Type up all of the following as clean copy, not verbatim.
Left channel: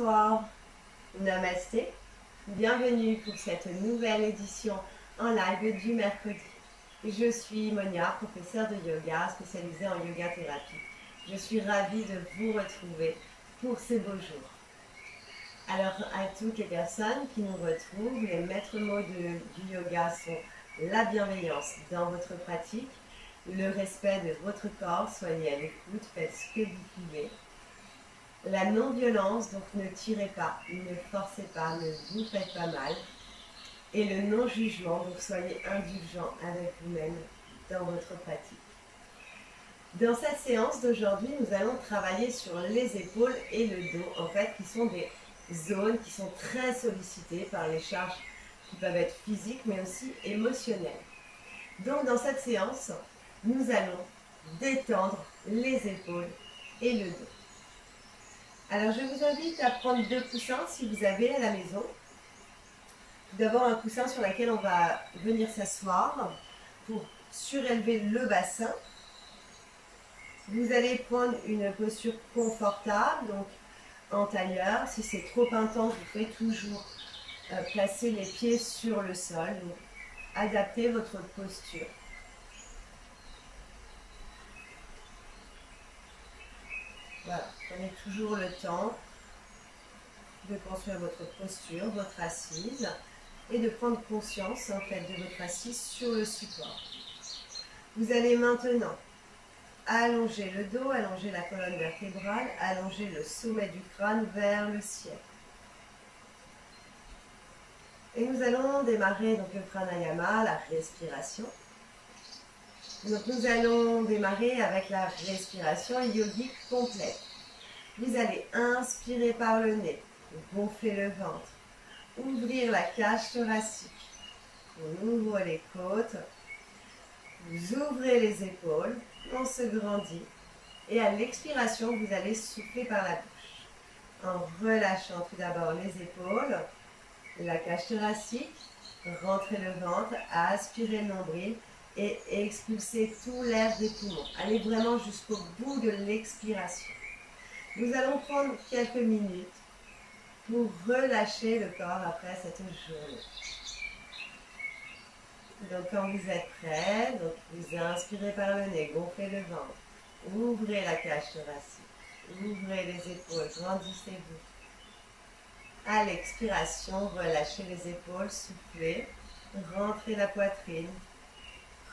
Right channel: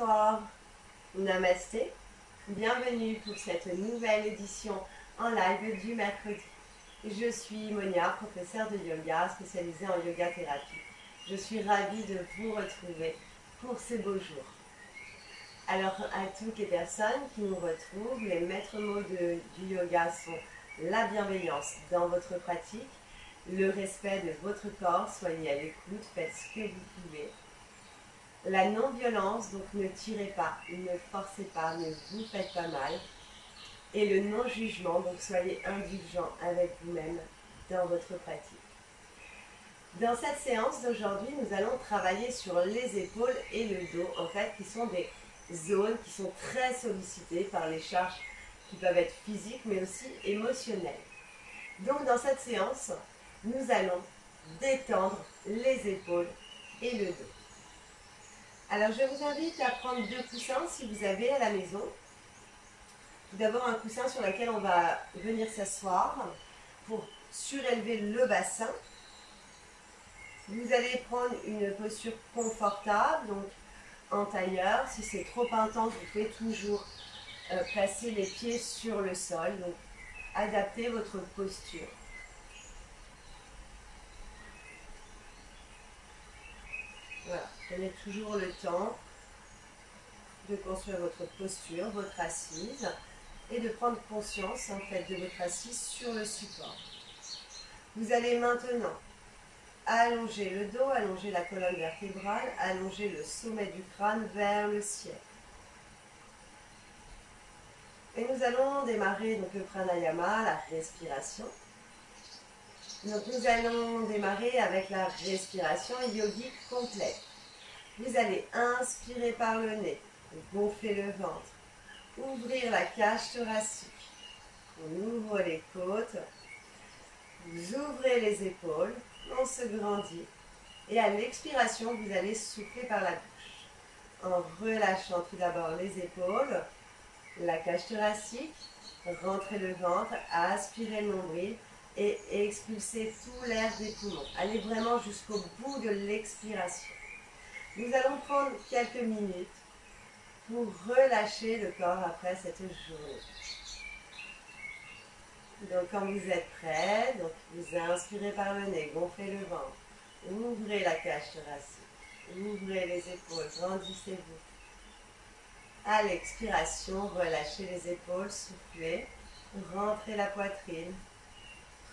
Bonsoir, Namasté, bienvenue pour cette nouvelle édition en live du mercredi. Je suis Monia, professeure de yoga spécialisée en yoga thérapie. Je suis ravie de vous retrouver pour ces beaux jours. Alors à toutes les personnes qui nous retrouvent, les maîtres mots du yoga sont la bienveillance dans votre pratique, le respect de votre corps, soyez à l'écoute, faites ce que vous pouvez. La non-violence, donc ne tirez pas, ne forcez pas, ne vous faites pas mal. Et le non-jugement, donc soyez indulgent avec vous-même dans votre pratique. Dans cette séance d'aujourd'hui, nous allons travailler sur les épaules et le dos, en fait, qui sont des zones qui sont très sollicitées par les charges qui peuvent être physiques, mais aussi émotionnelles. Donc, dans cette séance, nous allons détendre les épaules et le dos. Alors, je vous invite à prendre 2 coussins si vous avez à la maison. Tout d'abord, un coussin sur lequel on va venir s'asseoir pour surélever le bassin. Vous allez prendre une posture confortable, donc en tailleur. Si c'est trop intense, vous pouvez toujours placer les pieds sur le sol. Donc, adaptez votre posture. Voilà, prenez toujours le temps de construire votre posture, votre assise, et de prendre conscience en fait de votre assise sur le support. Vous allez maintenant allonger le dos, allonger la colonne vertébrale, allonger le sommet du crâne vers le ciel. Et nous allons démarrer donc le pranayama, la respiration. Donc nous allons démarrer avec la respiration yogique complète. Vous allez inspirer par le nez, gonfler le ventre, ouvrir la cage thoracique. On ouvre les côtes, vous ouvrez les épaules, on se grandit. Et à l'expiration, vous allez souffler par la bouche. En relâchant tout d'abord les épaules, la cage thoracique, rentrez le ventre, aspirez le nombril et expulsez tout l'air des poumons. Allez vraiment jusqu'au bout de l'expiration. Nous allons prendre quelques minutes pour relâcher le corps après cette journée. Donc quand vous êtes prêt, donc vous inspirez par le nez, gonflez le ventre, ouvrez la cage thoracique, ouvrez les épaules, grandissez-vous. À l'expiration, relâchez les épaules, soufflez, rentrez la poitrine,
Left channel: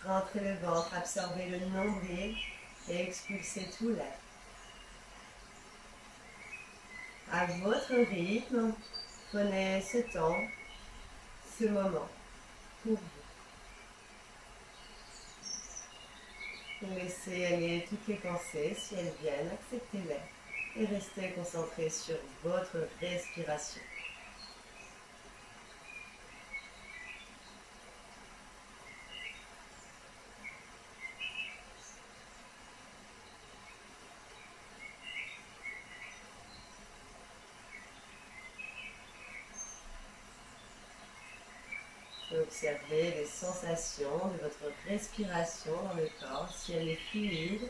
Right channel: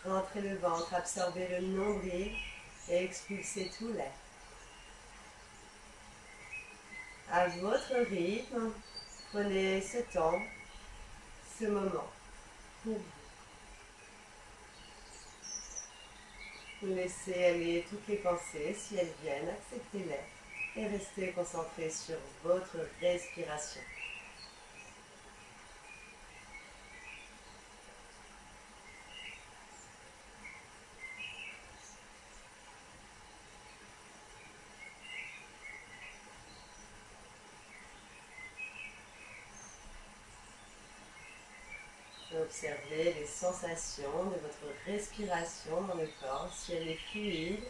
rentrez le ventre, absorbez le nombril et expulsez tout l'air. À votre rythme, prenez ce temps, ce moment pour vous. Laissez aller toutes les pensées, si elles viennent, acceptez-les et restez concentré sur votre respiration. Observez les sensations de votre respiration dans le corps, si elle est fluide.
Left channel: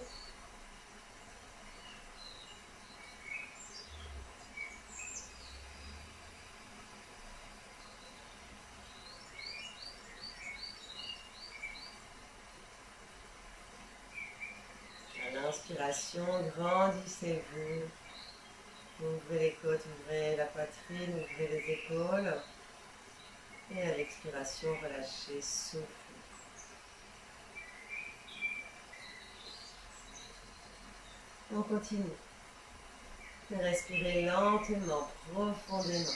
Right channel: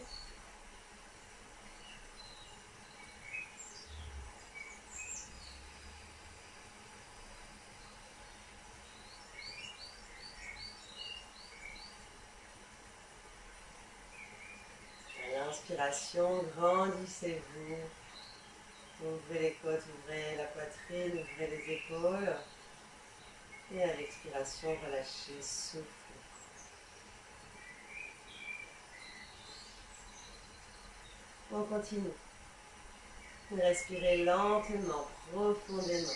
À l'inspiration, grandissez-vous. Ouvrez les côtes, ouvrez la poitrine, ouvrez les épaules. Et à l'expiration, relâchez, soufflez. On continue. Respirez lentement, profondément.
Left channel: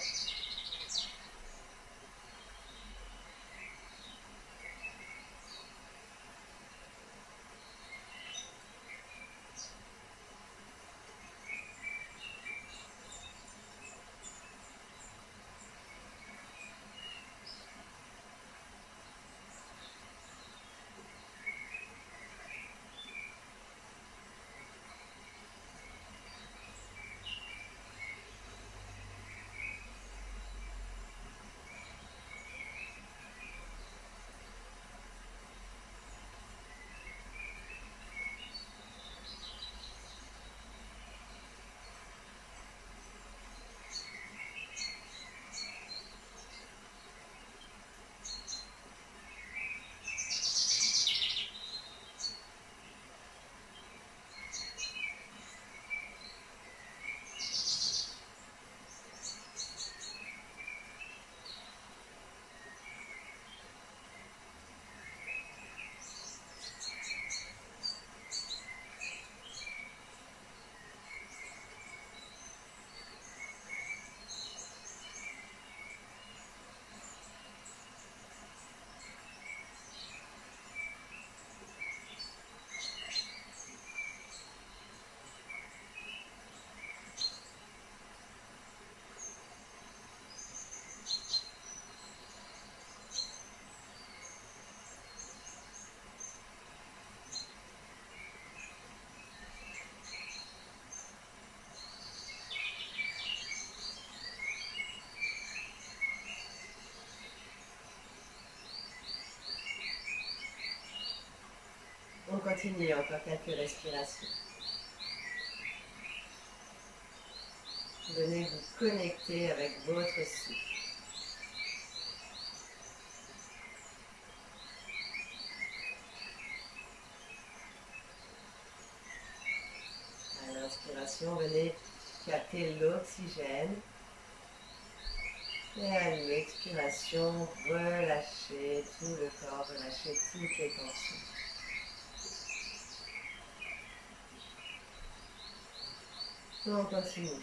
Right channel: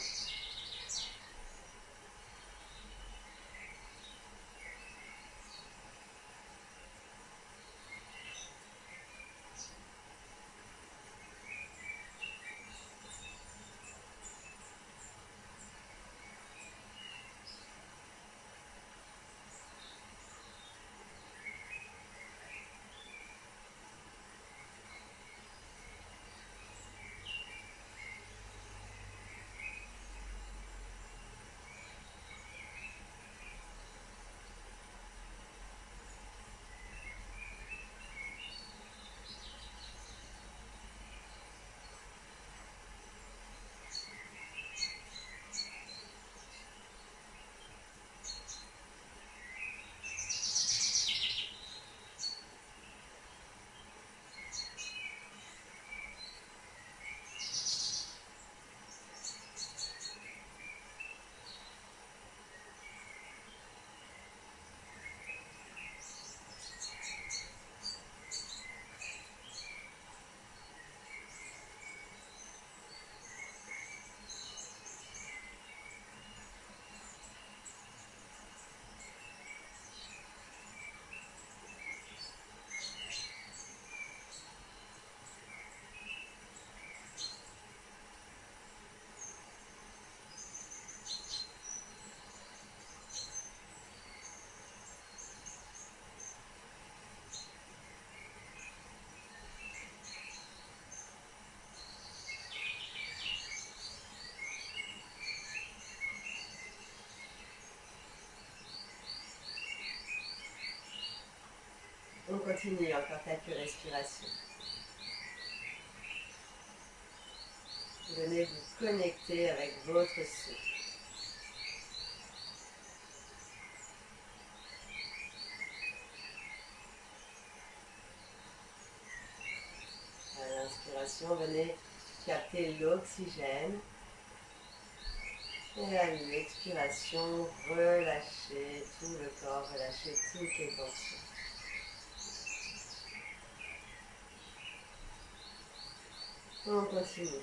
continue encore quelques respirations. Venez vous connecter avec votre souffle. À l'inspiration, venez capter l'oxygène. Et à l'expiration, relâchez tout le corps, relâchez toutes les tensions. On continue.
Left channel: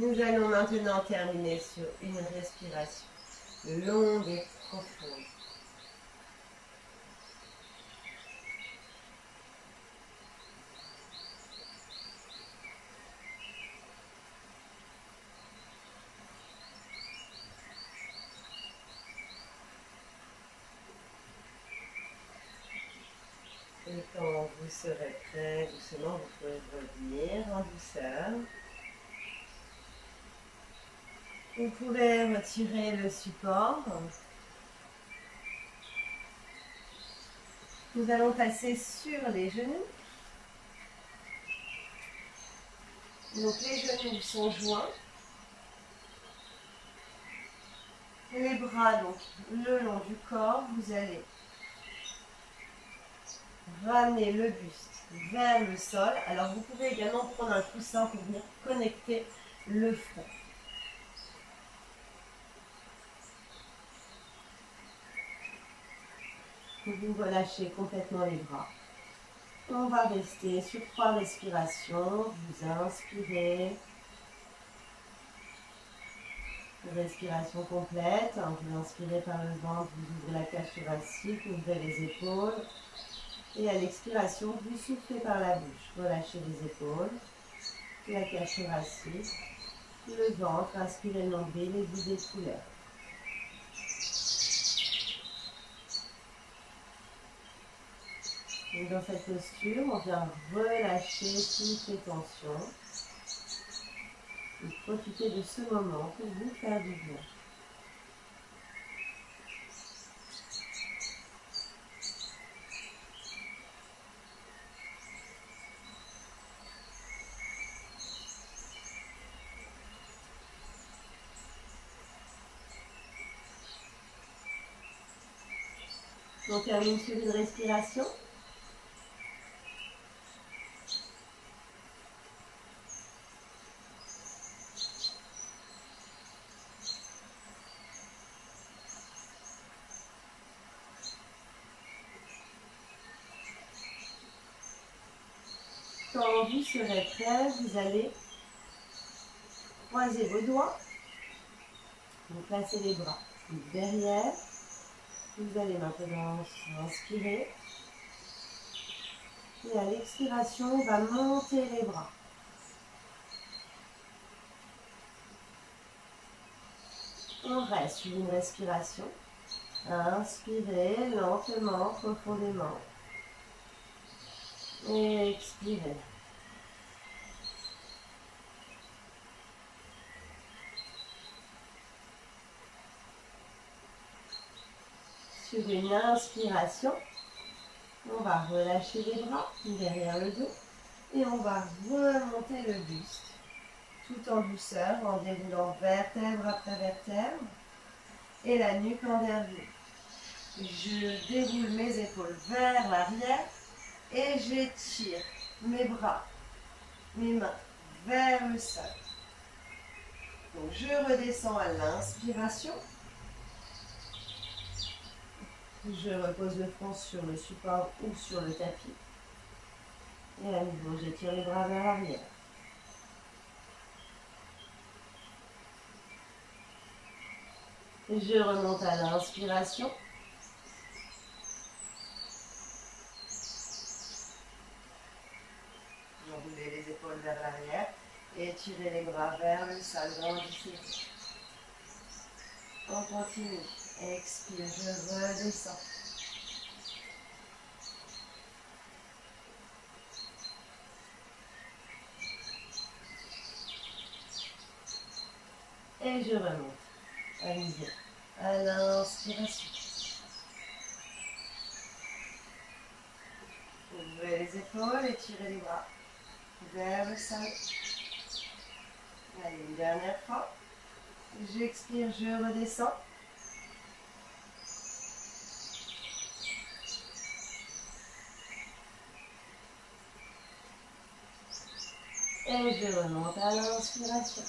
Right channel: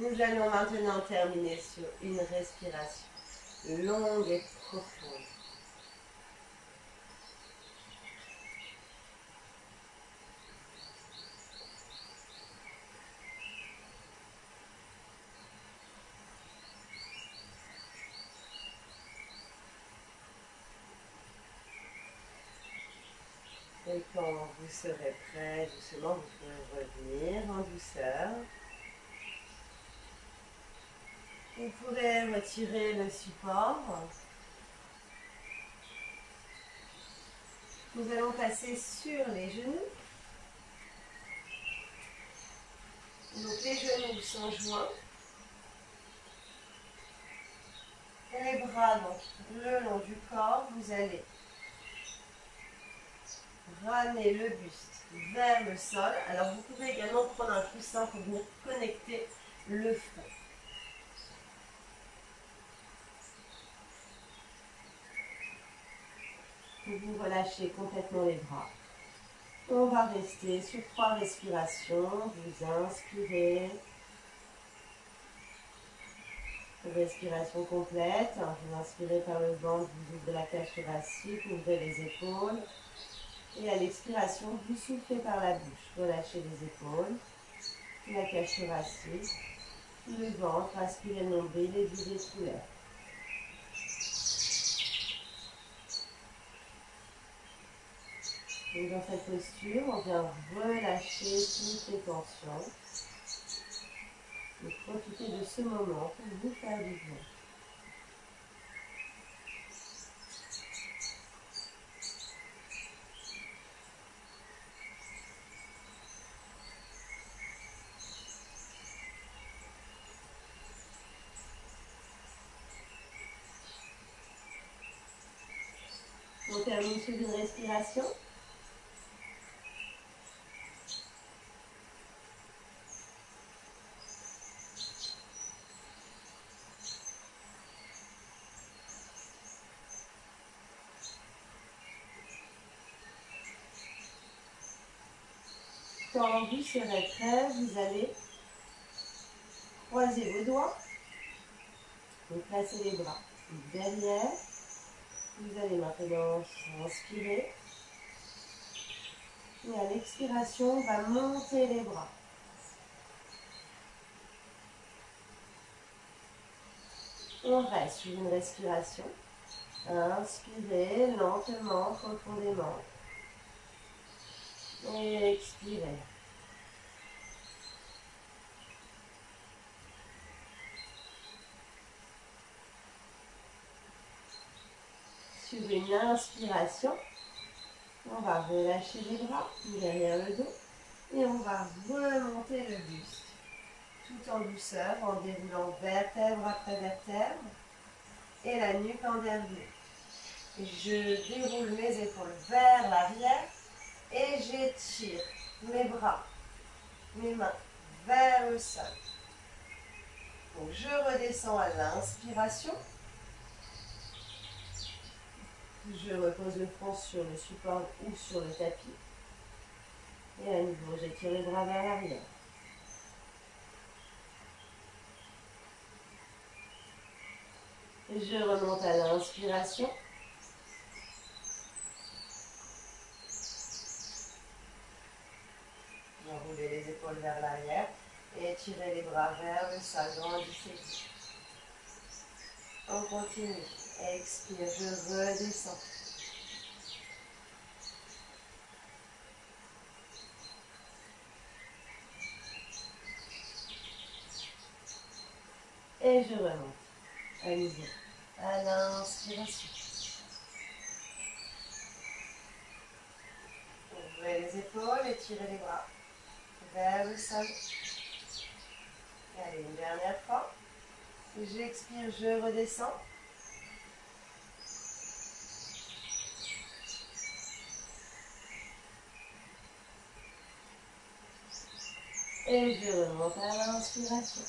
Nous allons maintenant terminer sur une respiration longue et profonde. Et quand vous serez prêt, doucement, vous pouvez revenir en douceur. Vous pouvez retirer le support. Nous allons passer sur les genoux. Donc les genoux sont joints. Et les bras donc le long du corps. Vous allez ramener le buste vers le sol. Alors vous pouvez également prendre un coussin pour venir connecter le front. Vous relâchez complètement les bras. On va rester sur 3 respirations. Vous inspirez. Respiration complète. Vous inspirez par le ventre, vous ouvrez la cage thoracique, ouvrez les épaules. Et à l'expiration, vous soufflez par la bouche. Relâchez les épaules, la cage thoracique, le ventre. Inspirez le nombril et videz sous l'air. Donc dans cette posture, on vient relâcher toutes les tensions. Et profitez de ce moment pour vous faire du bien. On termine sur une respiration. Quand vous serez prêt, vous allez croiser vos doigts. Vous placez les bras derrière. Vous allez maintenant inspirer. Et à l'expiration, on va monter les bras. On reste sur une respiration. Inspirez lentement, profondément. Et expirez. Sur une inspiration, on va relâcher les bras derrière le dos et on va remonter le buste tout en douceur en déroulant vertèbre après vertèbre et la nuque envergure. Je déroule mes épaules vers l'arrière et j'étire mes bras, mes mains vers le sol. Donc je redescends à l'inspiration. Je repose le front sur le support ou sur le tapis. Et à nouveau, j'étire les bras vers l'arrière. Je remonte à l'inspiration. Enroulez les épaules vers l'arrière et étirez les bras vers le sol. Grandissez-vous. On continue. Expire, je redescends. Et je remonte. À nouveau. À l'inspiration. Ouvrez les épaules, étirez les bras vers le sol. Allez, une dernière fois. J'expire, je redescends. Et je remonte à l'inspiration.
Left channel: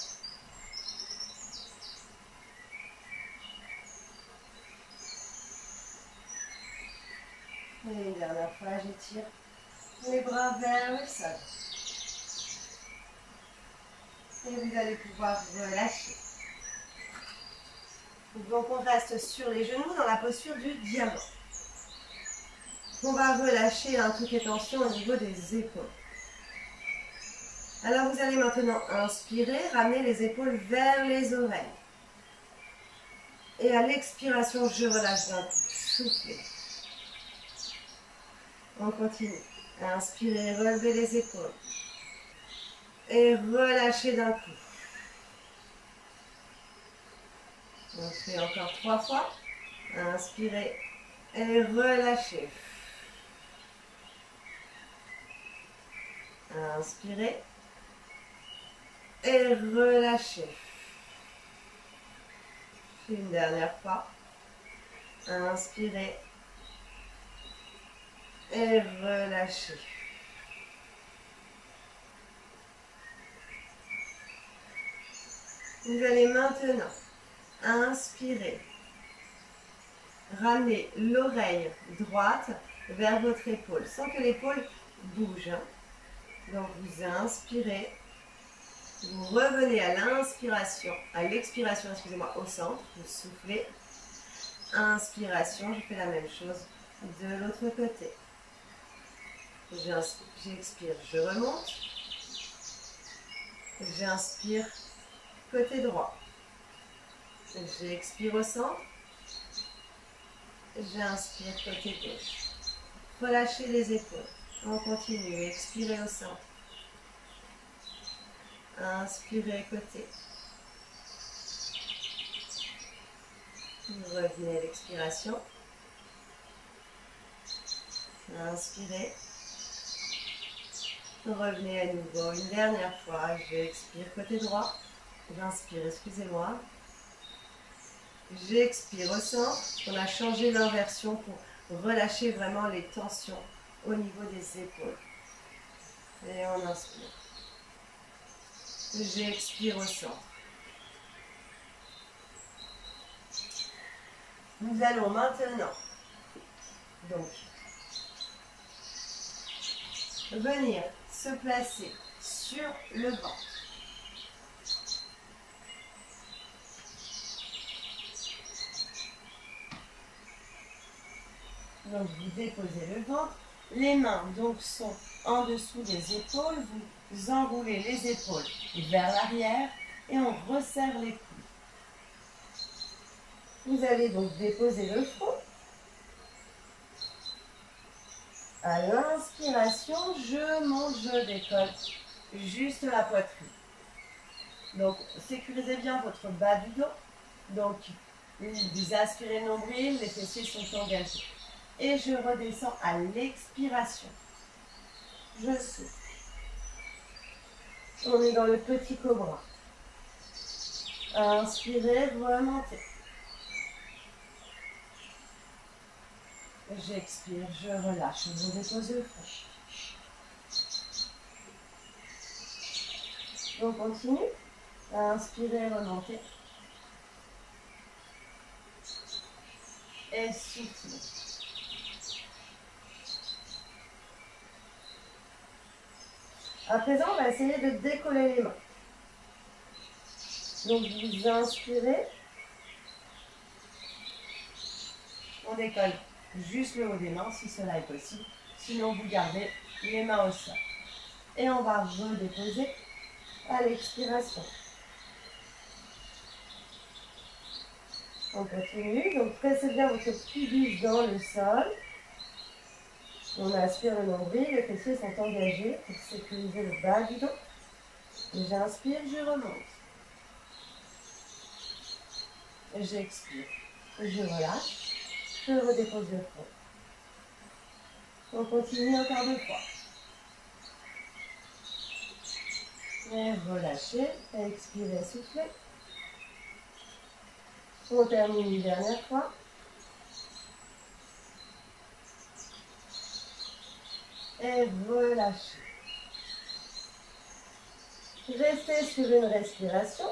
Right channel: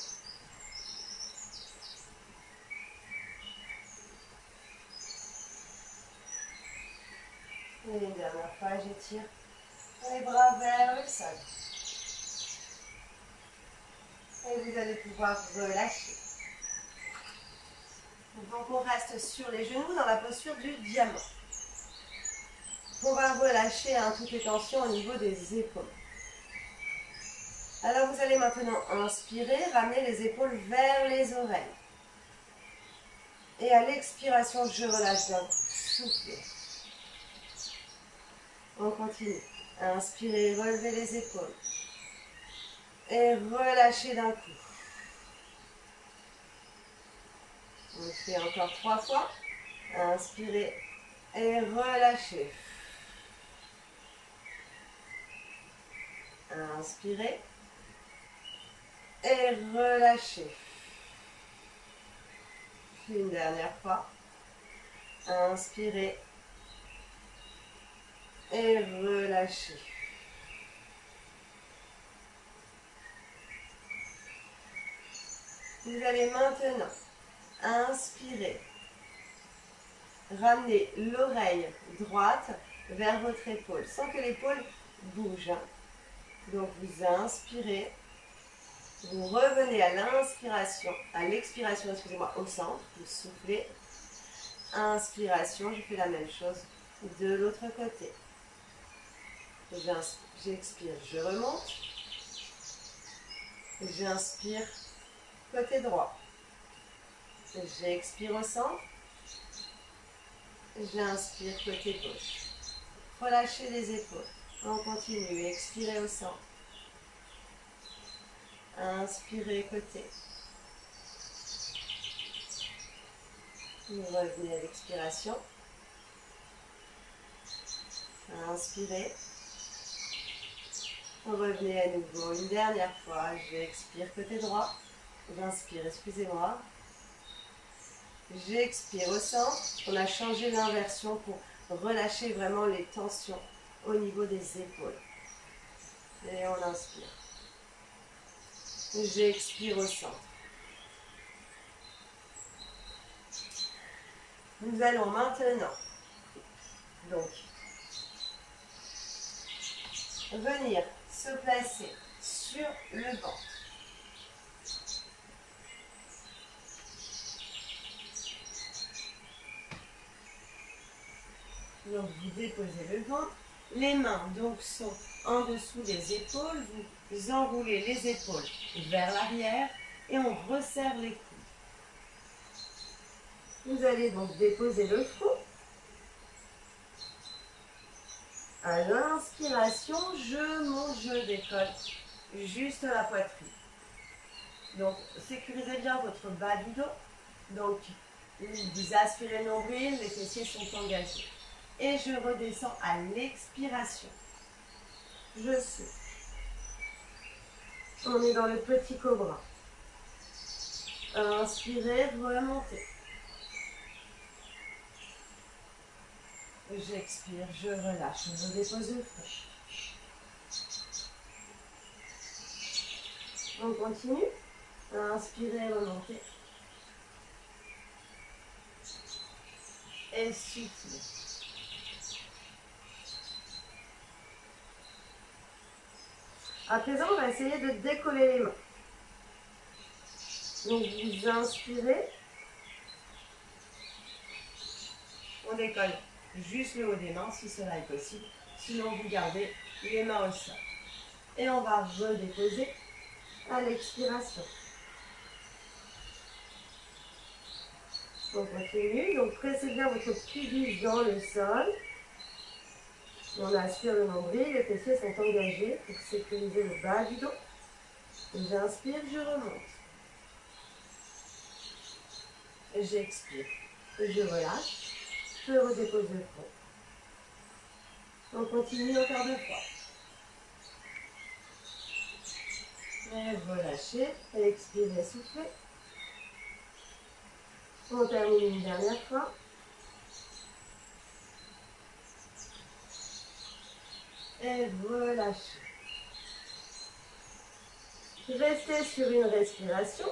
Et une dernière fois, j'étire les bras vers le sol. Et vous allez pouvoir relâcher. Donc on reste sur les genoux dans la posture du diamant. On va relâcher toutes les tensions au niveau des épaules. Alors vous allez maintenant inspirer, ramener les épaules vers les oreilles. Et à l'expiration, je relâche d'un coup. Soufflez. On continue. Inspirez, relevez les épaules. Et relâchez d'un coup. On fait encore 3 fois. Inspirez et relâchez. Inspirez et relâchez. Une dernière fois. Inspirez et relâchez. Vous allez maintenant inspirer. Ramenez l'oreille droite vers votre épaule sans que l'épaule bouge. Donc vous inspirez. Vous revenez à l'inspiration, à l'expiration, excusez-moi, au centre. Vous soufflez. Inspiration, je fais la même chose de l'autre côté. J'expire, je remonte. J'inspire, côté droit. J'expire au centre. J'inspire, côté gauche. Relâchez les épaules. On continue, expirez au centre. Inspirez, côté. Vous revenez à l'expiration. Inspirez. Revenez à nouveau une dernière fois. J'expire côté droit. J'inspire, excusez-moi. J'expire au centre. On a changé l'inversion pour relâcher vraiment les tensions au niveau des épaules. Et on inspire. J'expire au centre. Nous allons maintenant venir se placer sur le ventre. Donc vous déposez le ventre, les mains donc sont en dessous des épaules, vous enroulez les épaules vers l'arrière et on resserre les coudes. Vous allez donc déposer le front. À l'inspiration, je monte, je décolle juste la poitrine. Donc, sécurisez bien votre bas du dos. Donc, vous aspirez le nombril, les fessiers sont engagés. Et je redescends à l'expiration. Je souffle. On est dans le petit cobra. Inspirez, remontez. J'expire, je relâche, je dépose le front. On continue. Inspirez, remontez. Et soufflez. À présent, on va essayer de décoller les mains. Donc, vous inspirez. On décolle juste le haut des mains, si cela est possible. Sinon, vous gardez les mains au sol. Et on va redéposer à l'expiration. On continue. Donc, pressez bien votre pubis dans le sol. On aspire le nombril, les fessiers sont engagés pour sécuriser le bas du dos. J'inspire, je remonte. J'expire, je relâche, je redépose le front. On continue encore 2 fois. Et relâchez, expirez, soufflez. On termine une dernière fois. Et relâchez. Restez sur une respiration.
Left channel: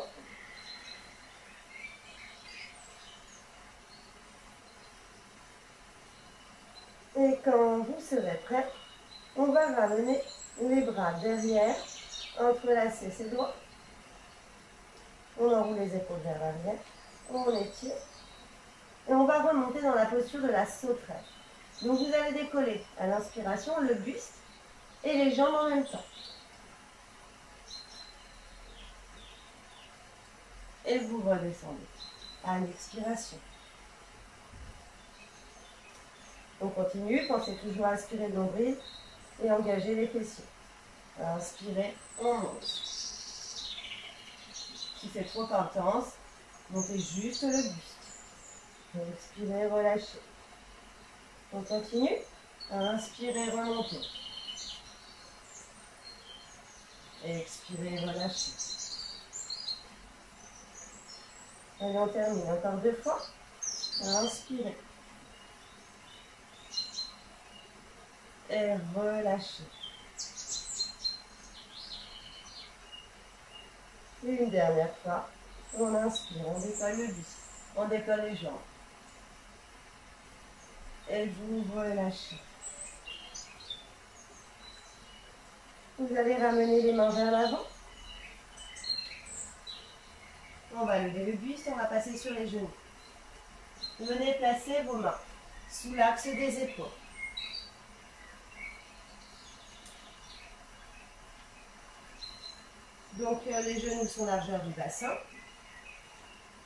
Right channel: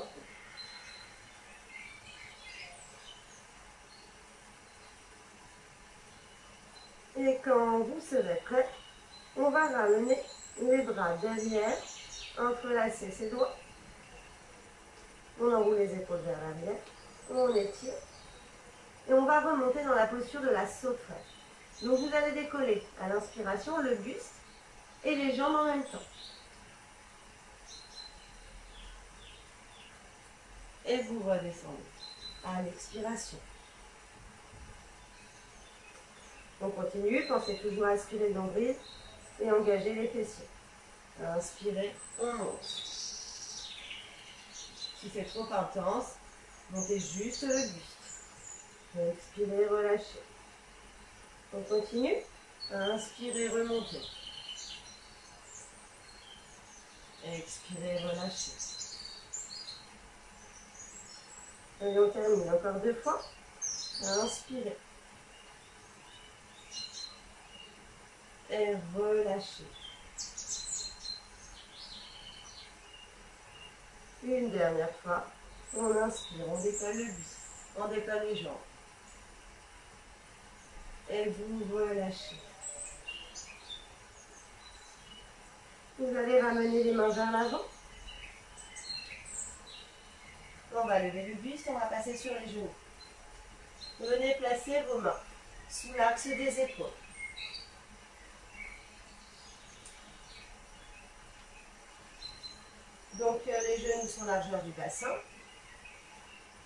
Et quand vous serez prêt, on va ramener les bras derrière, entrelacer ses doigts. On enroule les épaules vers l'arrière, on étire. Et on va remonter dans la posture de la sauterelle. Donc vous allez décoller à l'inspiration le buste et les jambes en même temps. Et vous redescendez à l'expiration. On continue, pensez toujours à aspirer le nombril et engager les fessiers. Inspirez, on monte. Si c'est trop intense, montez juste le buste. Expirez, relâchez. On continue. Inspirez, remontez. Expirez, relâchez. Et on termine encore 2 fois. Inspirez. Et relâchez. Une dernière fois. On inspire, on décolle le buste, on décolle les jambes. Et vous relâchez. Vous allez ramener les mains vers l'avant. On va lever le buste, on va passer sur les genoux. Venez placer vos mains sous l'axe des épaules. Donc les genoux sont largeur du bassin.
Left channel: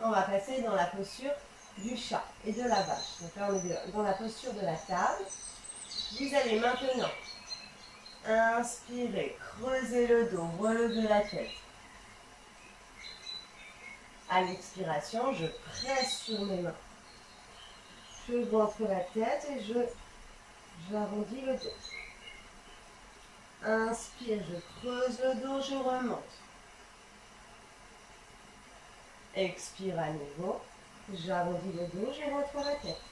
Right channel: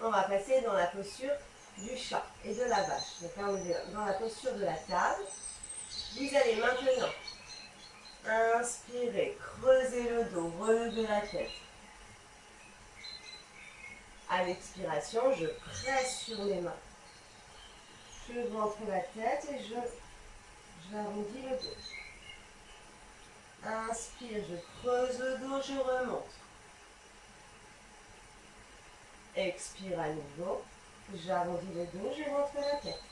On va passer dans la posture du chat et de la vache. Donc là on est dans la posture de la table. Vous allez maintenant inspirer, creuser le dos, relever la tête. À l'expiration, je presse sur mes mains. Je ventre la tête et j'arrondis le dos. Inspire, je creuse le dos, je remonte. Expire à nouveau. J'arrondis le dos, je ventre la tête.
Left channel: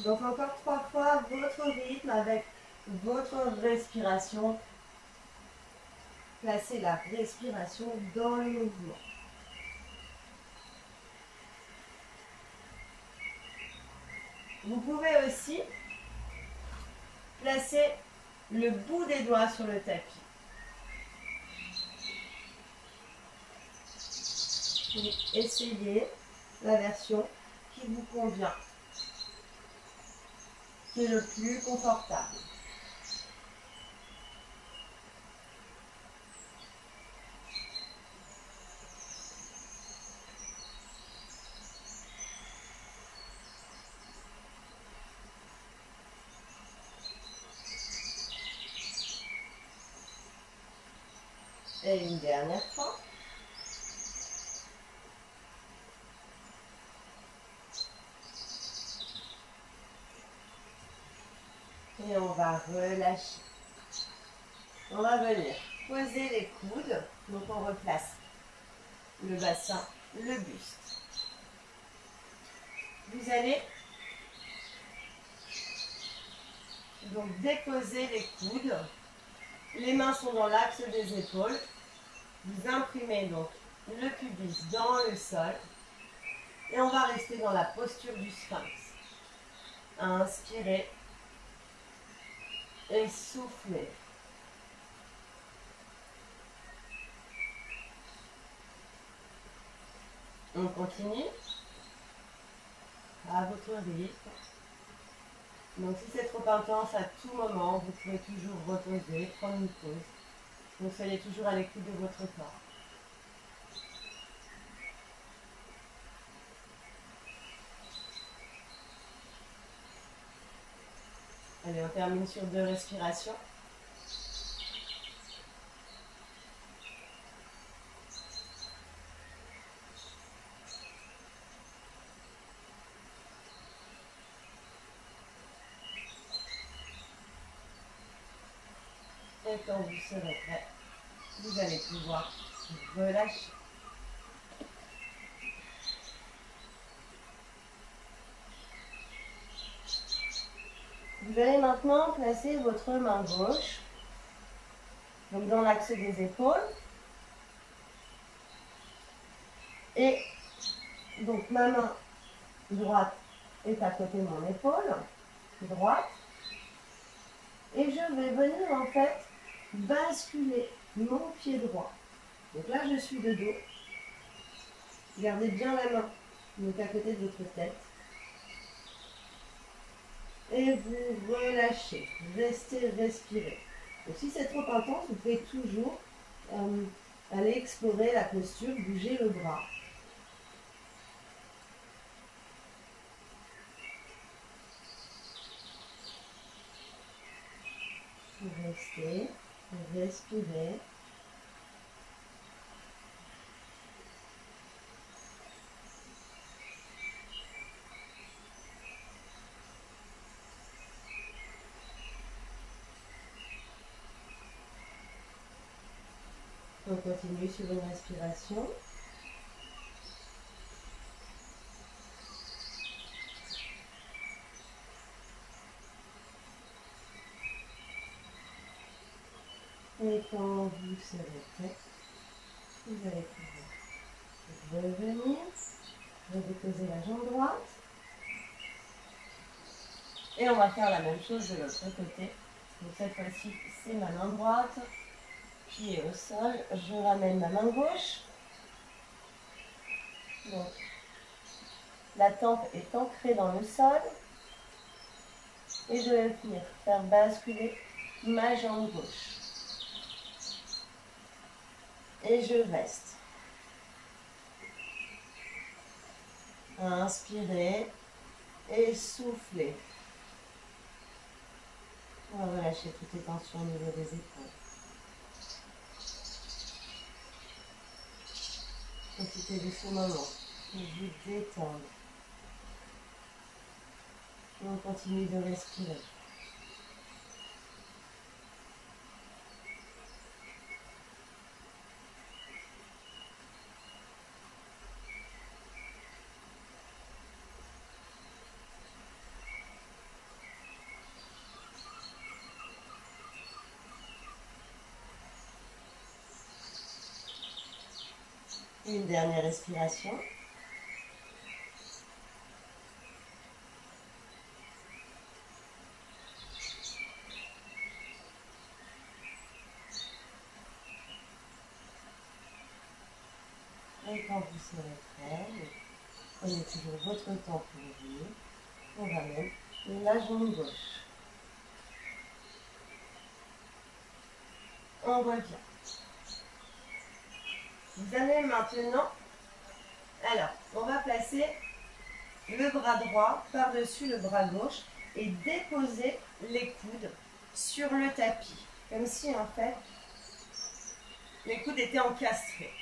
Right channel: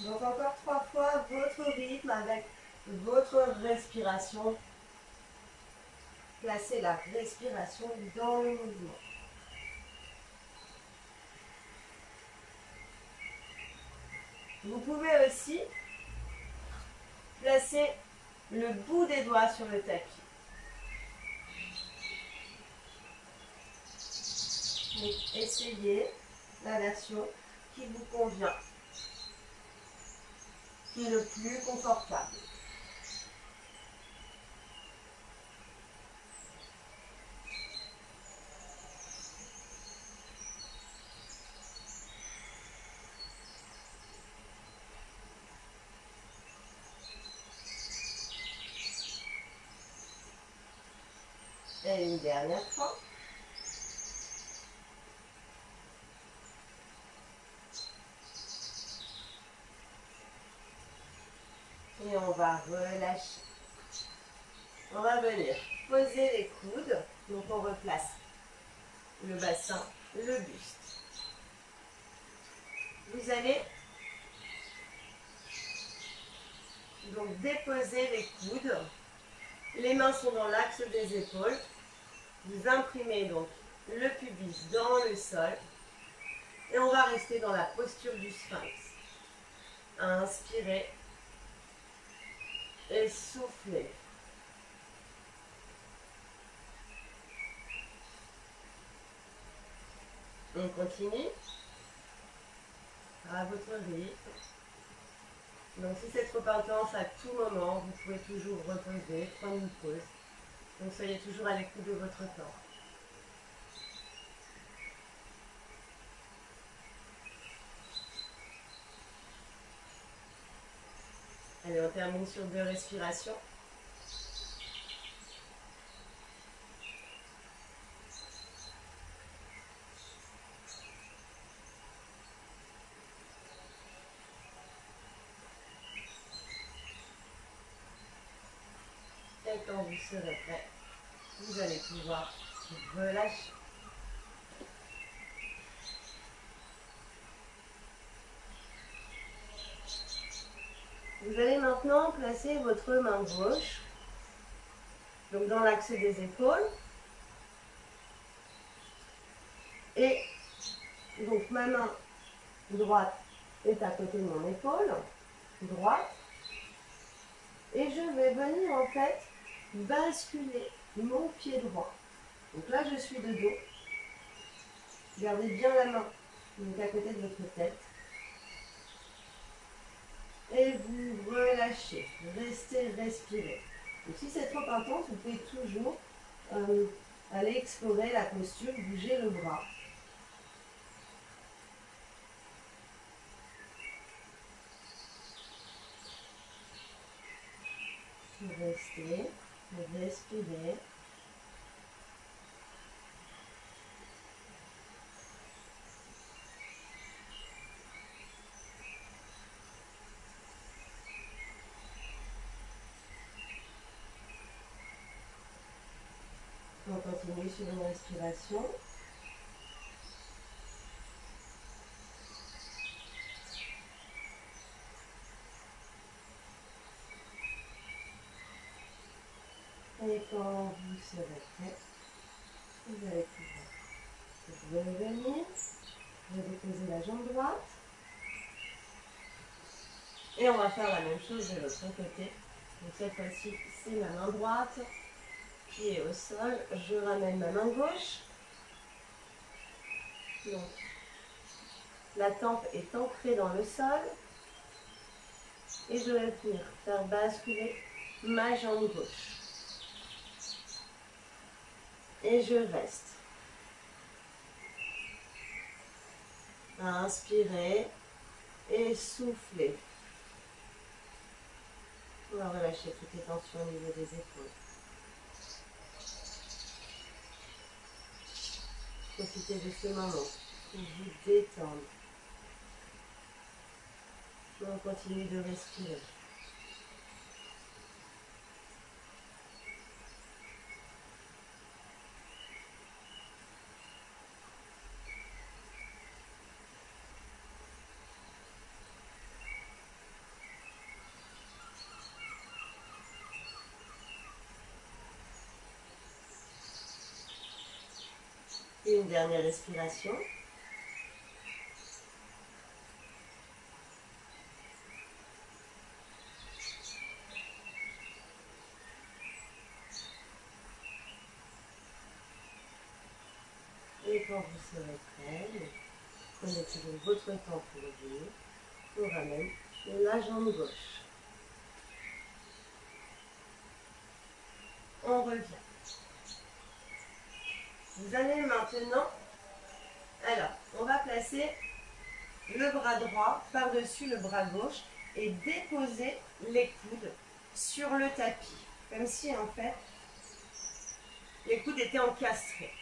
Donc encore 3 fois votre rythme avec votre respiration. Placez la respiration dans le mouvement. Vous pouvez aussi placer le bout des doigts sur le tapis. Et essayez la version qui vous convient, qui est le plus confortable. Et une dernière fois. Et on va relâcher. On va venir poser les coudes. Donc on replace le bassin, le buste. Vous allez donc déposer les coudes. Les mains sont dans l'axe des épaules. Vous imprimez donc le pubis dans le sol. Et on va rester dans la posture du sphinx. Inspirez. Et soufflez. On continue à votre rythme. Donc si c'est trop intense, à tout moment, vous pouvez toujours reposer, prendre une pause. Donc soyez toujours à l'écoute de votre corps. Allez, on termine sur 2 respirations. Et quand vous serez prêt, vous allez pouvoir relâcher. Vous allez maintenant placer votre main gauche donc dans l'axe des épaules. Et donc ma main droite est à côté de mon épaule droite. Et je vais venir en fait basculer mon pied droit. Donc là je suis de dos. Gardez bien la main donc à côté de votre tête. Et vous relâchez, restez respirer. Donc si c'est trop intense, vous pouvez toujours aller explorer la posture, bouger le bras. Restez, respirez. On continue sur une respiration. Et quand vous serez prêt, vous allez pouvoir revenir, redéposer la jambe droite. Et on va faire la même chose de l'autre côté. Donc cette fois-ci, c'est ma main droite, pied au sol. Je ramène ma main gauche. Donc, la tempe est ancrée dans le sol. Et je vais venir faire basculer ma jambe gauche. Et je reste. Inspirez et soufflez. On va relâcher toutes les tensions au niveau des épaules. Profitez de ce moment pour vous détendre. Et on continue de respirer. Et une dernière respiration. Et quand vous serez prêt, prenez toujours votre temps pour vous. On ramène la jambe gauche. On revient. Vous allez maintenant, alors, on va placer le bras droit par-dessus le bras gauche et déposer les coudes sur le tapis. Comme si en fait, Les coudes étaient encastrés.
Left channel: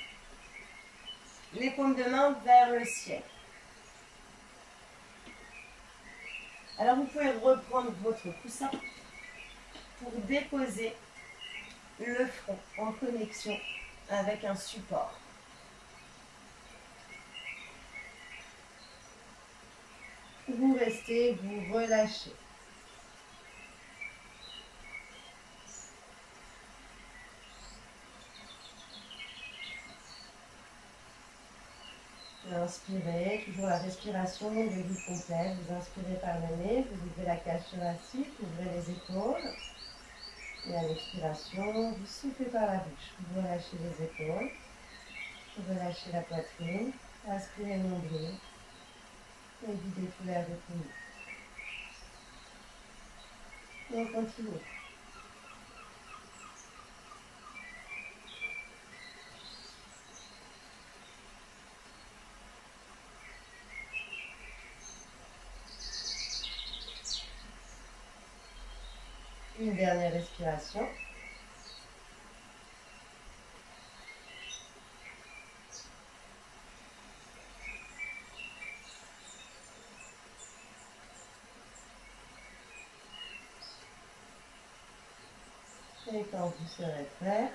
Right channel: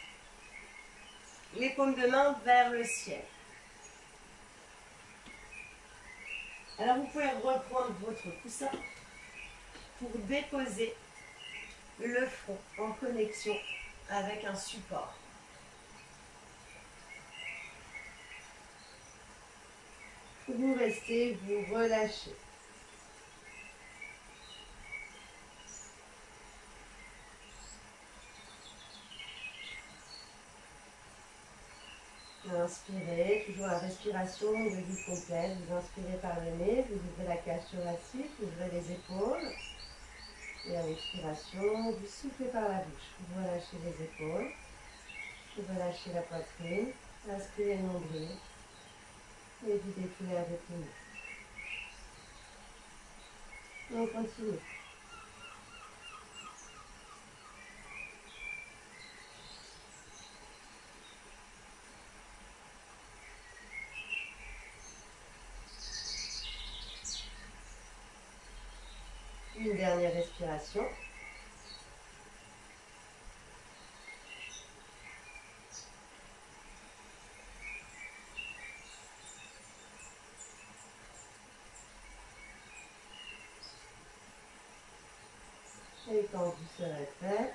Les paumes de main vers le ciel. Alors vous pouvez reprendre votre coussin pour déposer le front en connexion avec un support. Vous restez, vous relâchez. Inspirez, toujours la respiration de vie complète. Vous inspirez par le nez, vous ouvrez la cage thoracique, vous ouvrez les épaules. Et à l'expiration, vous soufflez par la bouche. Vous relâchez les épaules, vous relâchez la poitrine, inspirez nombril et videz tout l'air des poumons. Et on continue. Une dernière respiration. Et quand vous serez prêt,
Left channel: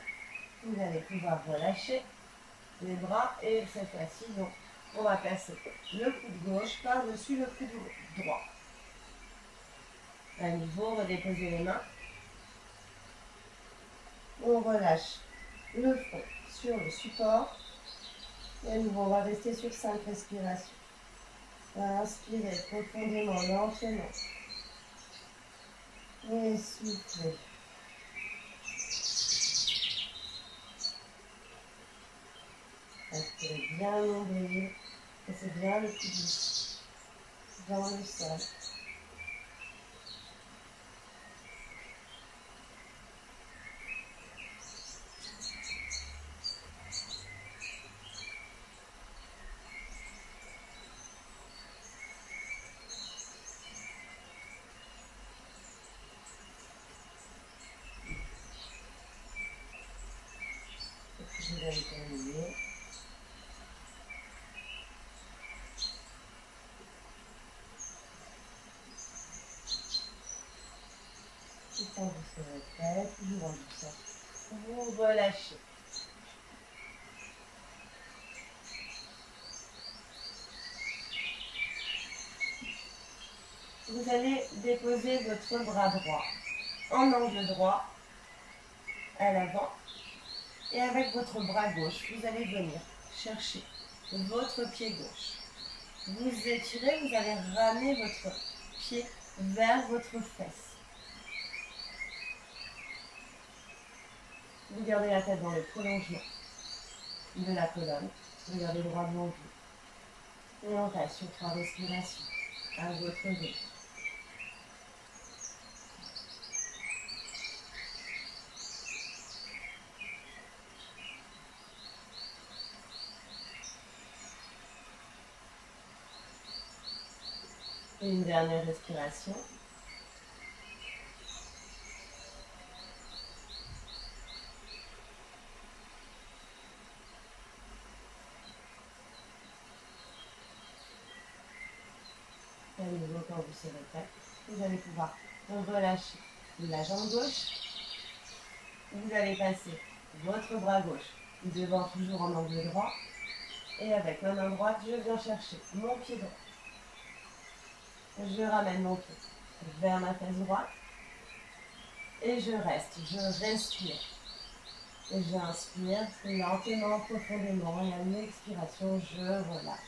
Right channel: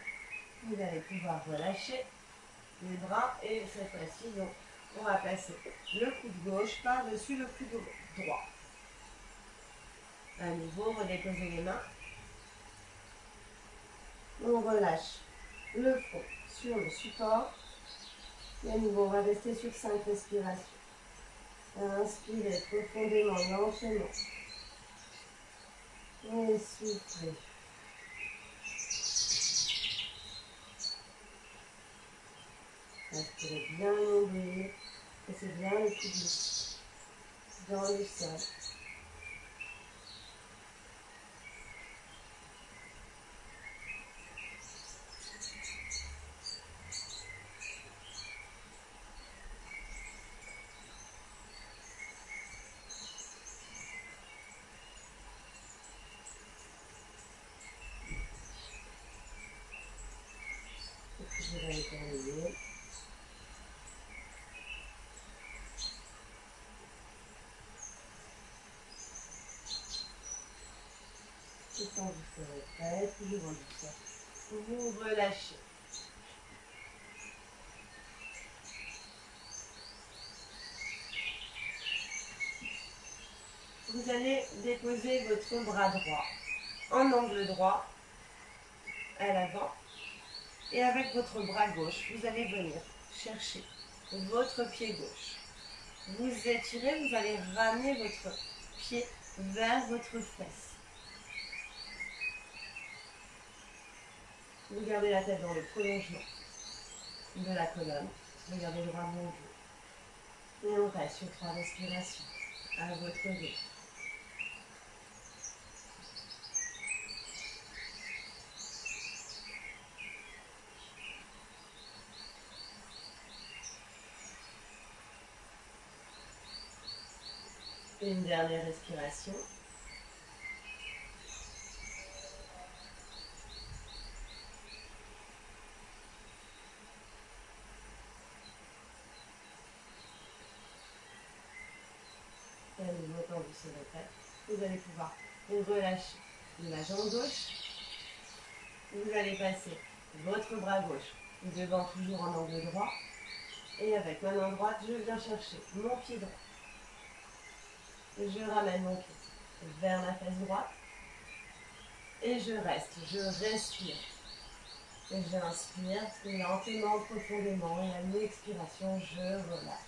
vous allez pouvoir relâcher les bras et cette fois-ci, donc, on va placer le coude gauche par-dessus le coude droit. À nouveau, redéposez les mains. On relâche le front sur le support. Et à nouveau, on va rester sur 5 respirations. Inspirez profondément, lentement. Et soufflez. Inspirez bien le nombril. Laissez bien le coude dans le sol. Et puis vous allez terminer. Et quand vous serez prêt, toujours en douceur, vous relâchez. Vous allez déposer votre bras droit en angle droit à l'avant. Et avec votre bras gauche, vous allez venir chercher votre pied gauche. Vous étirez, vous allez ramener votre pied vers votre fesse. Vous gardez la tête dans le prolongement de la colonne. Regardez droit devant vous. Et on reste sur 3 respirations à votre rythme. Et une dernière respiration. Et à nouveau, quand vous serez prêt, vous allez pouvoir relâcher la jambe gauche. Vous allez passer votre bras gauche devant, toujours en angle droit. Et avec ma main droite, je viens chercher mon pied droit. Je ramène mon pied vers ma face droite. Et je reste, je respire. Et j'inspire lentement, profondément. Et à l'expiration, je relâche.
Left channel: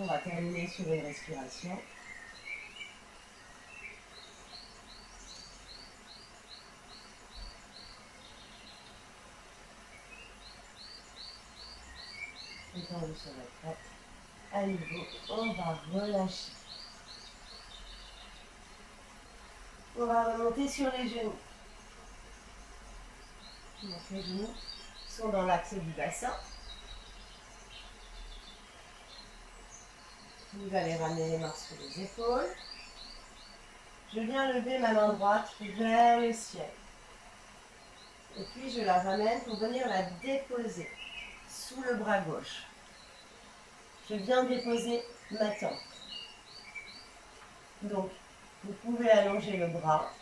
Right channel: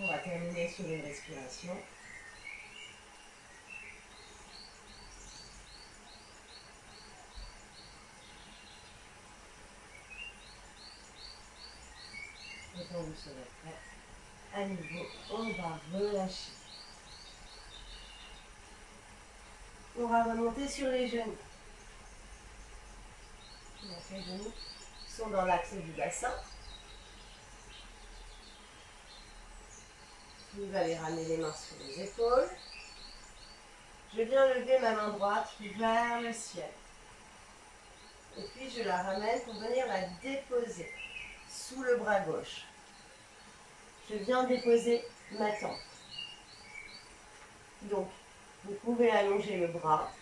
On va terminer sur une respiration. Et quand vous serez prêt, à nouveau, on va relâcher. On va remonter sur les genoux. Donc les genoux sont dans l'axe du bassin. Vous allez ramener les mains sur les épaules. Je viens lever ma main droite vers le ciel. Et puis je la ramène pour venir la déposer sous le bras gauche. Je viens déposer ma tempe. Donc, vous pouvez allonger le bras.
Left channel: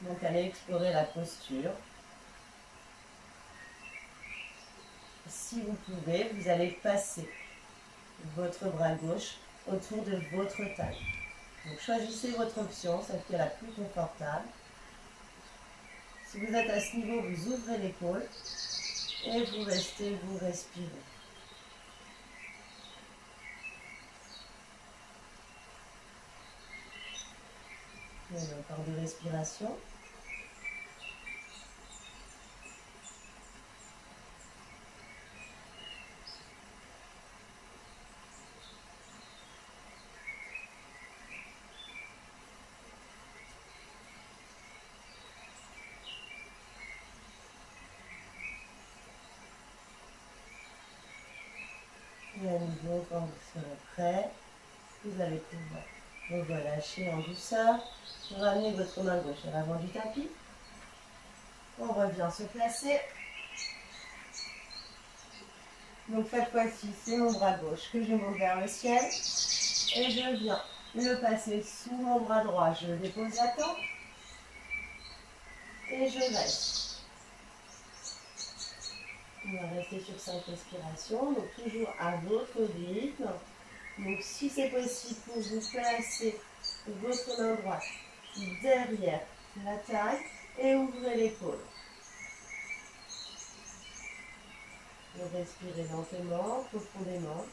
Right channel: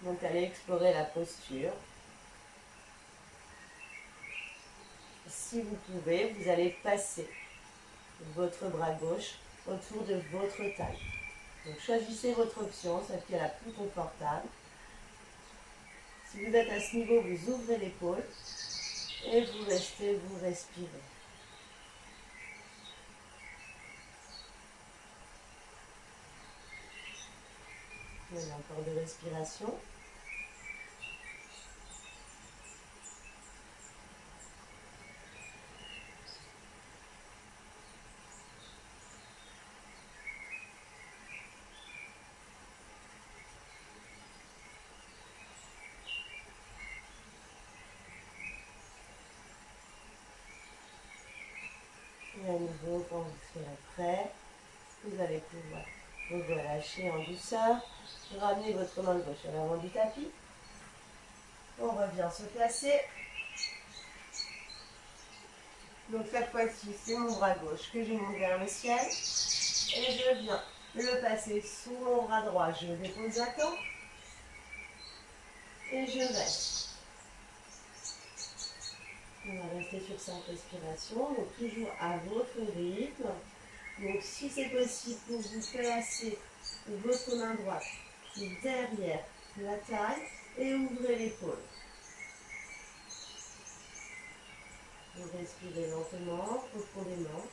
Donc, allez explorer la posture. Si vous pouvez, vous allez passer votre bras gauche autour de votre taille. Donc, choisissez votre option, celle qui est la plus confortable. Si vous êtes à ce niveau, vous ouvrez l'épaule et vous restez, vous respirez. Il y a encore des respirations. Et à nouveau, quand vous serez prêt, vous allez pouvoir vous relâcher en douceur. Ramenez votre main gauche à l'avant du tapis. On revient se placer. Donc cette fois-ci, c'est mon bras gauche que je monte vers le ciel. Et je viens le passer sous mon bras droit. Je dépose à temps. Et je reste. On va rester sur 5 respirations, donc toujours à votre rythme. Donc si c'est possible pour vous, placez votre main droite derrière la taille et ouvrez l'épaule. Vous respirez lentement, profondément.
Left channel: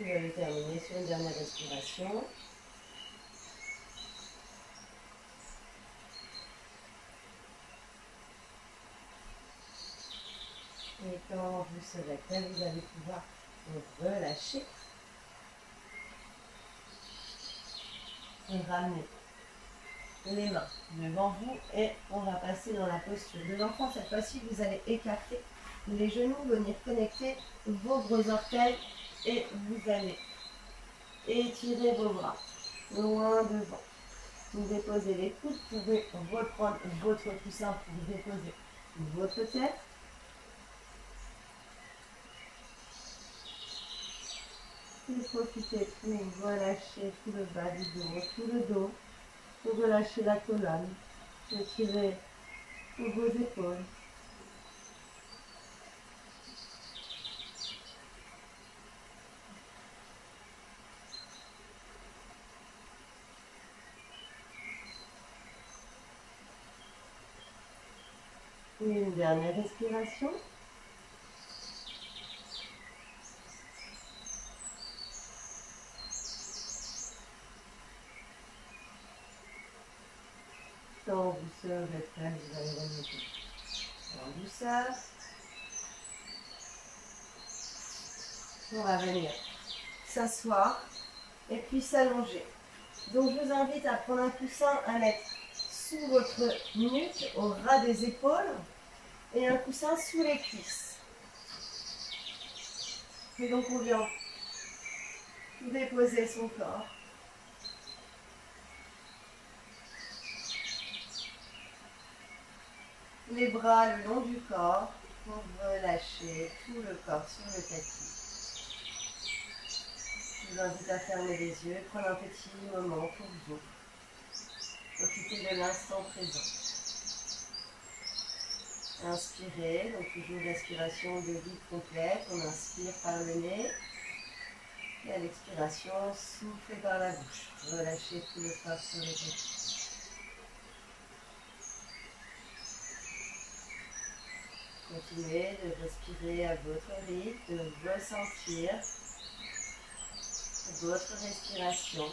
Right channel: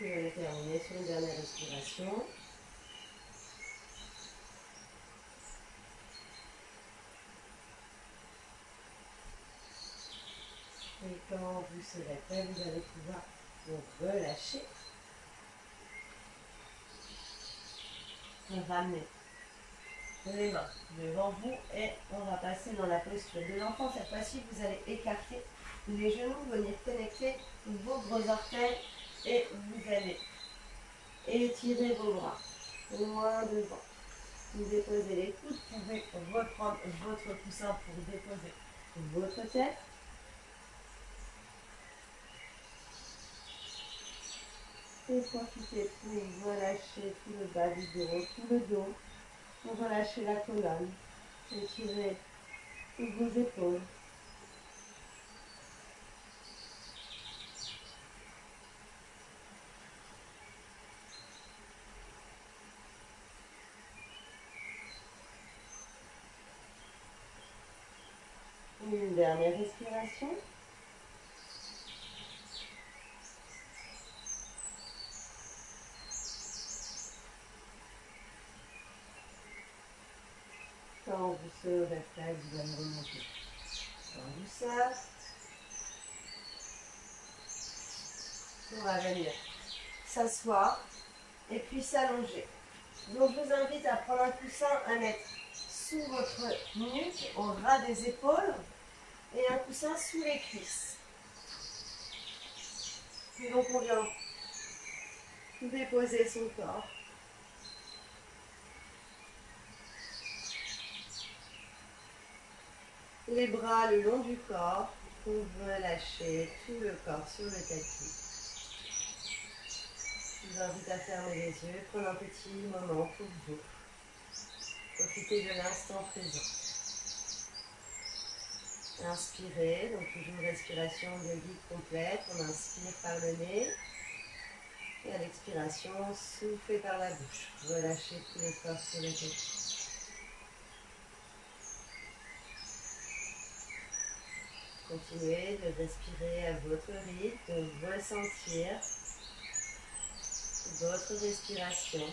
Vous allez terminer sur une dernière respiration. Et quand vous serez prêt, vous allez pouvoir vous relâcher. Et ramener les mains devant vous et on va passer dans la posture de l'enfant. Cette fois-ci, vous allez écarter les genoux, venir connecter vos gros orteils et vous allez étirer vos bras loin devant. Vous déposez les coudes, vous pouvez reprendre votre coussin pour déposer votre tête. Et profitez pour relâcher tout le bas du bureau, tout le dos, pour relâcher la colonne, étirez vos épaules. Une dernière respiration. Quand vous serez prêt, vous allez remonter en douceur. On va venir s'asseoir et puis s'allonger. Donc je vous invite à prendre un coussin à mettre sous votre nuque, au ras des épaules, et un coussin sous les cuisses. Et donc on vient déposer son corps. Les bras le long du corps pour relâcher tout le corps sur le tapis. Je vous invite à fermer les yeux, prendre un petit moment pour vous. Profitez de l'instant présent. Inspirez, donc toujours respiration de vide complète. On inspire par le nez. Et à l'expiration, soufflez par la bouche. Relâchez tout le corps sur le tapis. Continuez de respirer à votre rythme, de ressentir votre respiration,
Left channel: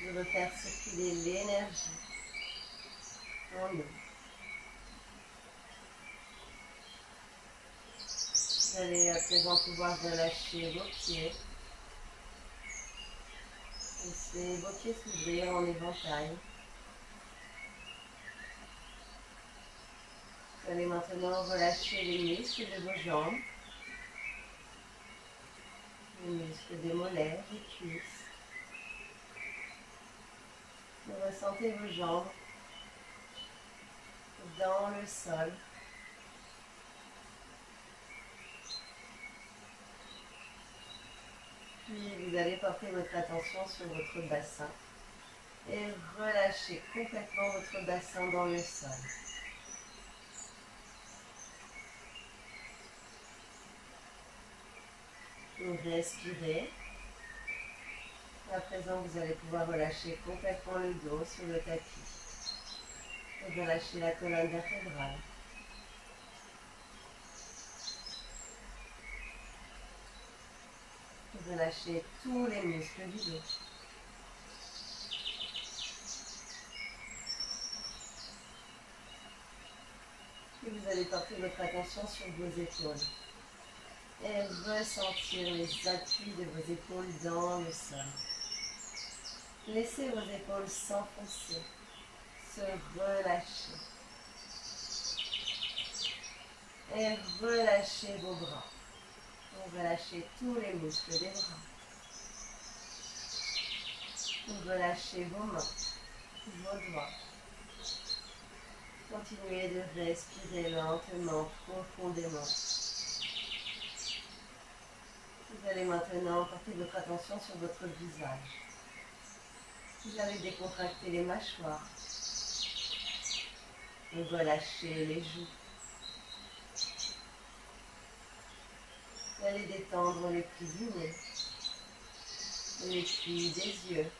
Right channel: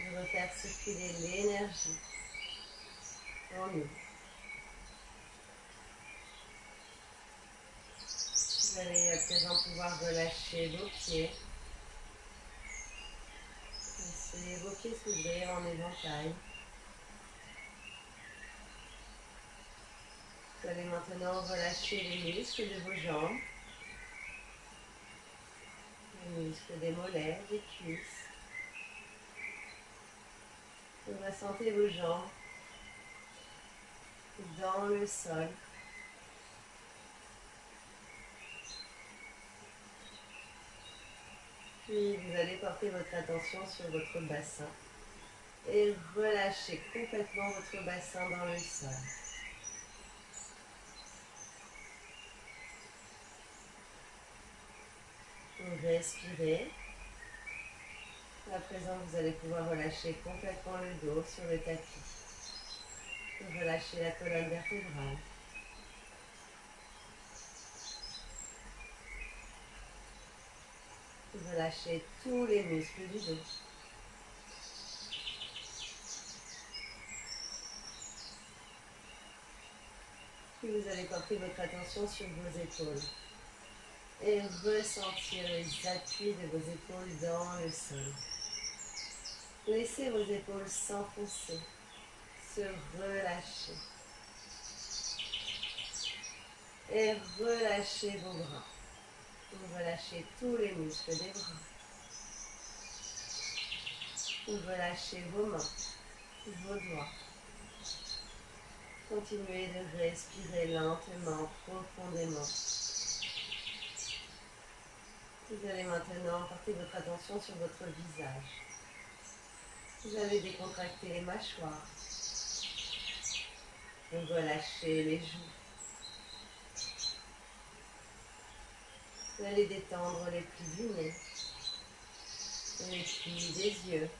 de refaire circuler l'énergie en nous. Vous allez à présent pouvoir relâcher vos pieds. Laissez vos pieds s'ouvrir en éventail. Vous allez maintenant relâcher les muscles de vos jambes, les muscles des mollets, des cuisses. Vous ressentez vos jambes dans le sol. Puis vous allez porter votre attention sur votre bassin et relâcher complètement votre bassin dans le sol. Vous respirez. À présent, vous allez pouvoir relâcher complètement le dos sur le tapis. Vous relâchez la colonne vertébrale. Vous relâchez tous les muscles du dos. Puis vous allez porter votre attention sur vos épaules et ressentir les appuis de vos épaules dans le sol. Laissez vos épaules s'enfoncer, se relâcher. Et relâchez vos bras. Vous relâchez tous les muscles des bras. Vous relâchez vos mains, vos doigts. Continuez de respirer lentement, profondément. Vous allez maintenant porter votre attention sur votre visage. Vous allez décontracter les mâchoires. Relâchez les joues. Vous allez détendre les plis du nez, les plis des yeux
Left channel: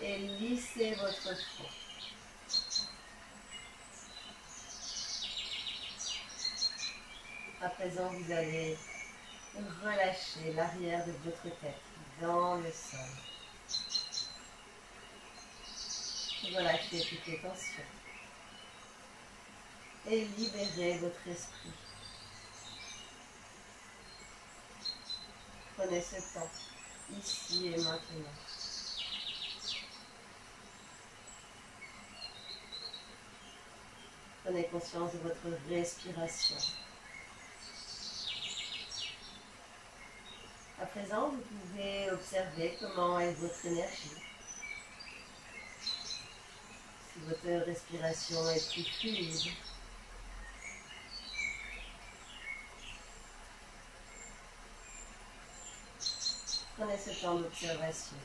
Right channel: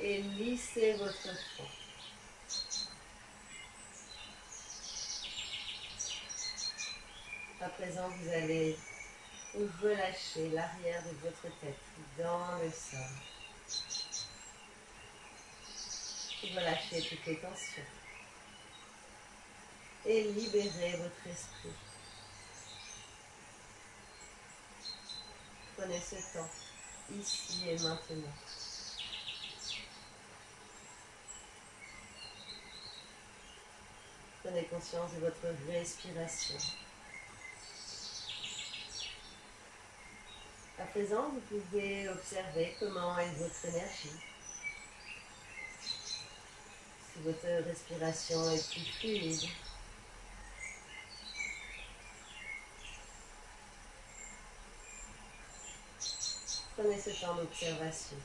et lisser votre front. À présent, vous allez relâcher l'arrière de votre tête dans le sol. Relâchez toutes les tensions et libérez votre esprit. Prenez ce temps, ici et maintenant. Prenez conscience de votre respiration. À présent, vous pouvez observer comment est votre énergie. Si votre respiration est plus fluide. Prenez ce temps d'observation.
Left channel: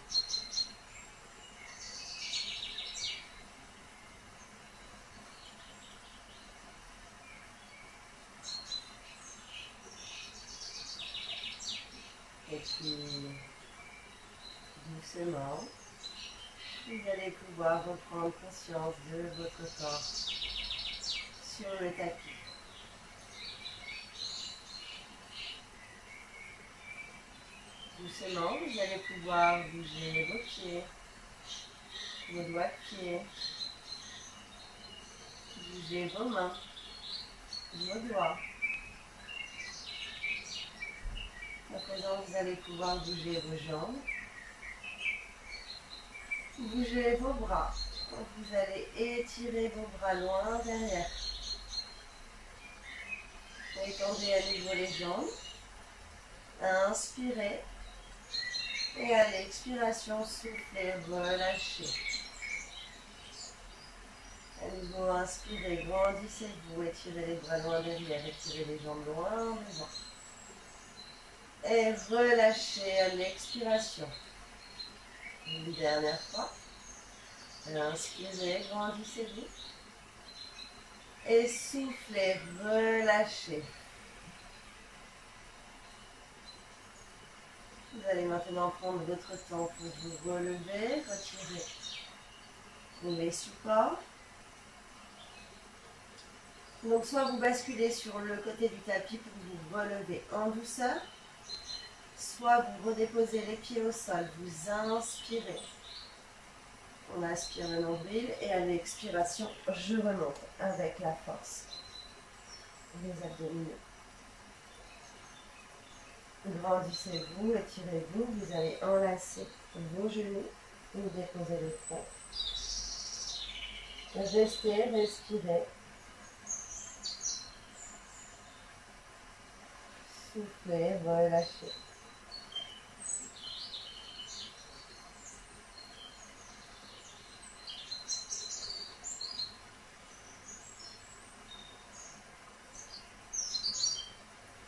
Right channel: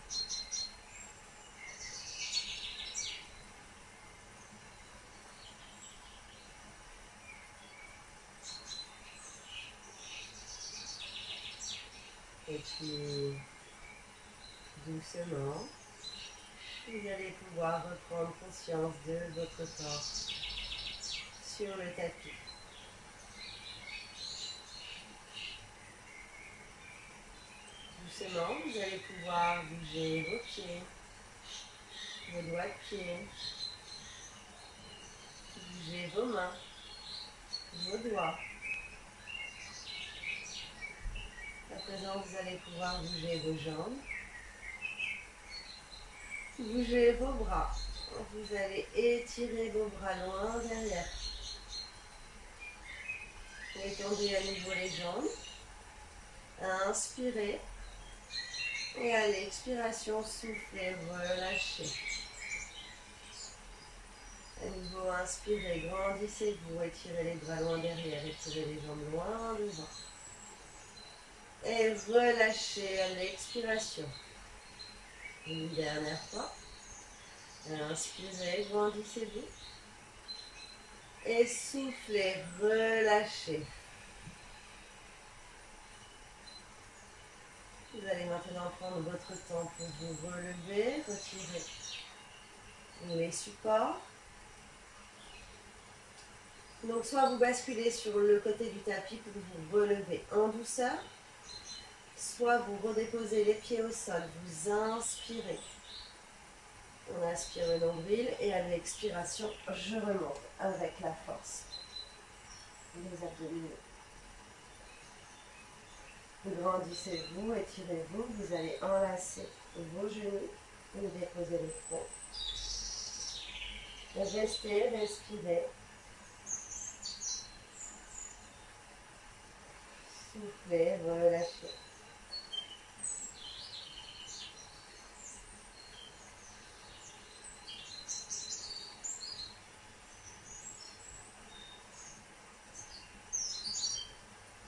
Et puis, doucement, vous allez pouvoir reprendre conscience de votre corps sur le tapis. Doucement, vous allez pouvoir bouger vos pieds, vos doigts de pied, bouger vos mains, vos doigts. À présent, vous allez pouvoir bouger vos jambes, bouger vos bras. Vous allez étirer vos bras loin derrière. Étendez à nouveau les jambes. Inspirez. Et à l'expiration, soufflez, relâchez. À nouveau, inspirez, grandissez-vous, étirez les bras loin derrière, étirez les jambes loin devant. Et relâchez à l'expiration. Une dernière fois. Inspirez, grandissez-vous. Et soufflez, relâchez. Vous allez maintenant prendre votre temps pour vous relever, retirer les supports. Donc soit vous basculez sur le côté du tapis pour vous relever en douceur, soit vous redéposez les pieds au sol, vous inspirez. On inspire le nombril et à l'expiration, je remonte avec la force. Les abdominaux. Grandissez-vous, étirez-vous, vous allez enlacer vos genoux et déposer le front. Restez, respirez. Soufflez, relâchez.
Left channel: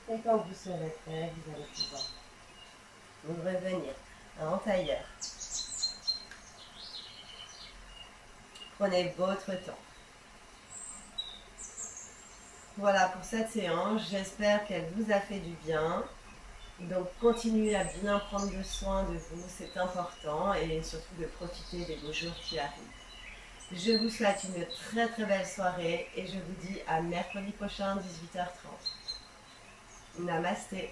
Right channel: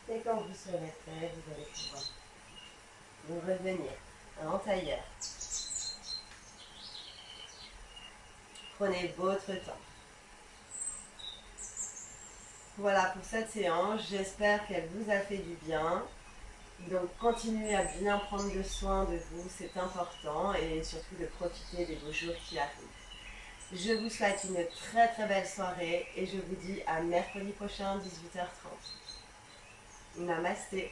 Et quand vous serez prêt, vous allez pouvoir vous revenir en tailleur. Prenez votre temps. Voilà pour cette séance, j'espère qu'elle vous a fait du bien. Donc continuez à bien prendre soin de vous, c'est important, et surtout de profiter des beaux jours qui arrivent. Je vous souhaite une très très belle soirée et je vous dis à mercredi prochain 18h30. Namasté.